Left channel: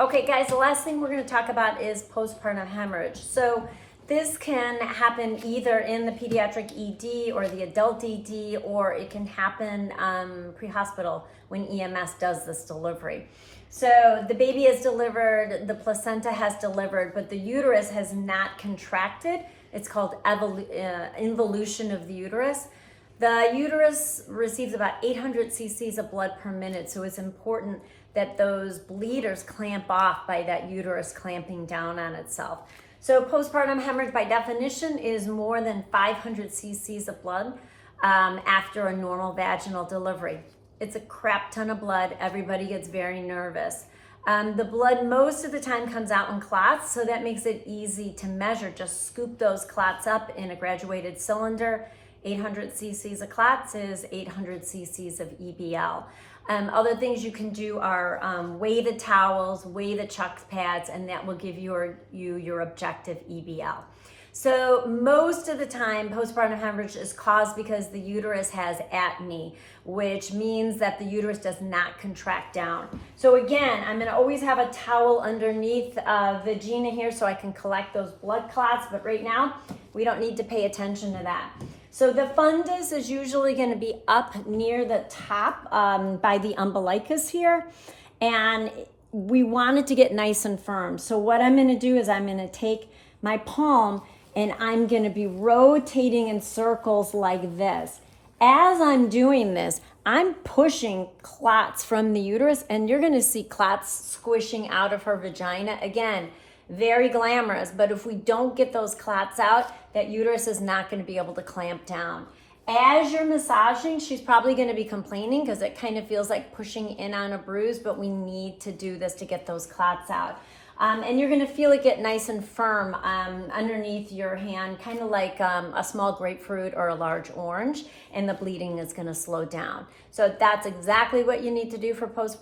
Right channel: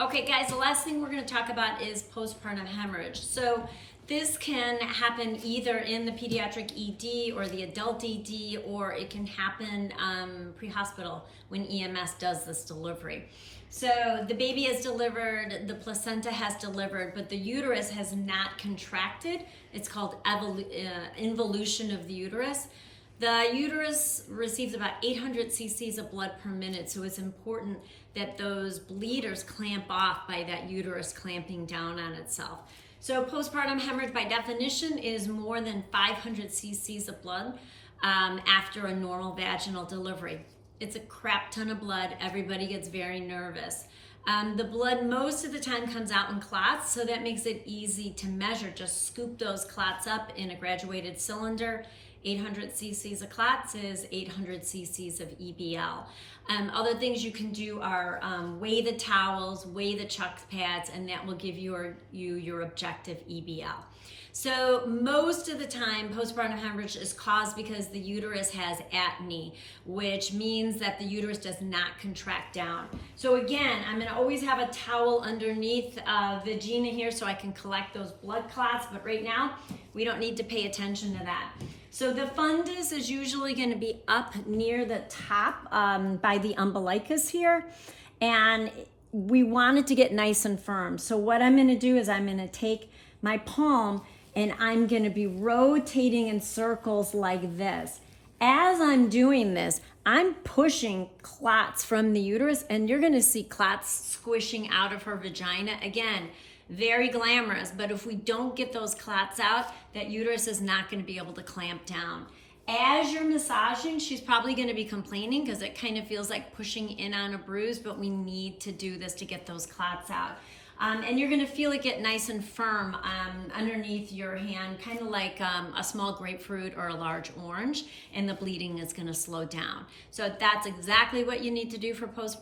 Okay guys, the last thing we're going to talk about is postpartum hemorrhage. So this can happen either in the pediatric ED or the adult ED, or it can happen pre-hospital when EMS does this delivery. So the baby is delivered, the placenta has delivered, but the uterus has not contracted. It's called involution of the uterus. The uterus receives about 800 cc's of blood per minute, so it's important that those bleeders clamp off by that uterus clamping down on itself. So postpartum hemorrhage by definition is more than 500 cc's of blood after a normal vaginal delivery. It's a crap ton of blood. Everybody gets very nervous. The blood most of the time comes out in clots, so that makes it easy to measure. Just scoop those clots up in a graduated cylinder. 800 cc's of clots is 800 cc's of EBL. Other things you can do are weigh the towels, weigh the chuck pads, and that will give you your objective EBL. So most of the time, postpartum hemorrhage is caused because the uterus has atony, which means that the uterus does not contract down. So again, I'm gonna always have a towel underneath vagina here so I can collect those blood clots, but right now, we don't need to pay attention to that. So the fundus is usually going to be up near the top by the umbilicus here, and we want it to get nice and firm. So what I'm going to do is I'm going to take my palm and I'm going to be rotating in circles like this. As I'm doing this, I'm pushing clots from the uterus, and you're going to see clots squishing out of her vagina. Again, very glamorous, but if we don't get those clots out, that uterus is not going to be able to clamp down. As you're massaging, she's probably going to be complaining because it kind of feels like pushing in on a bruise, but we need to do this to get those clots out. And you're going to feel it get nice and firm underneath your hand, kind of like a small grapefruit or a large orange, and the bleeding is going to slow down. So that's exactly what you need to do for postpartum.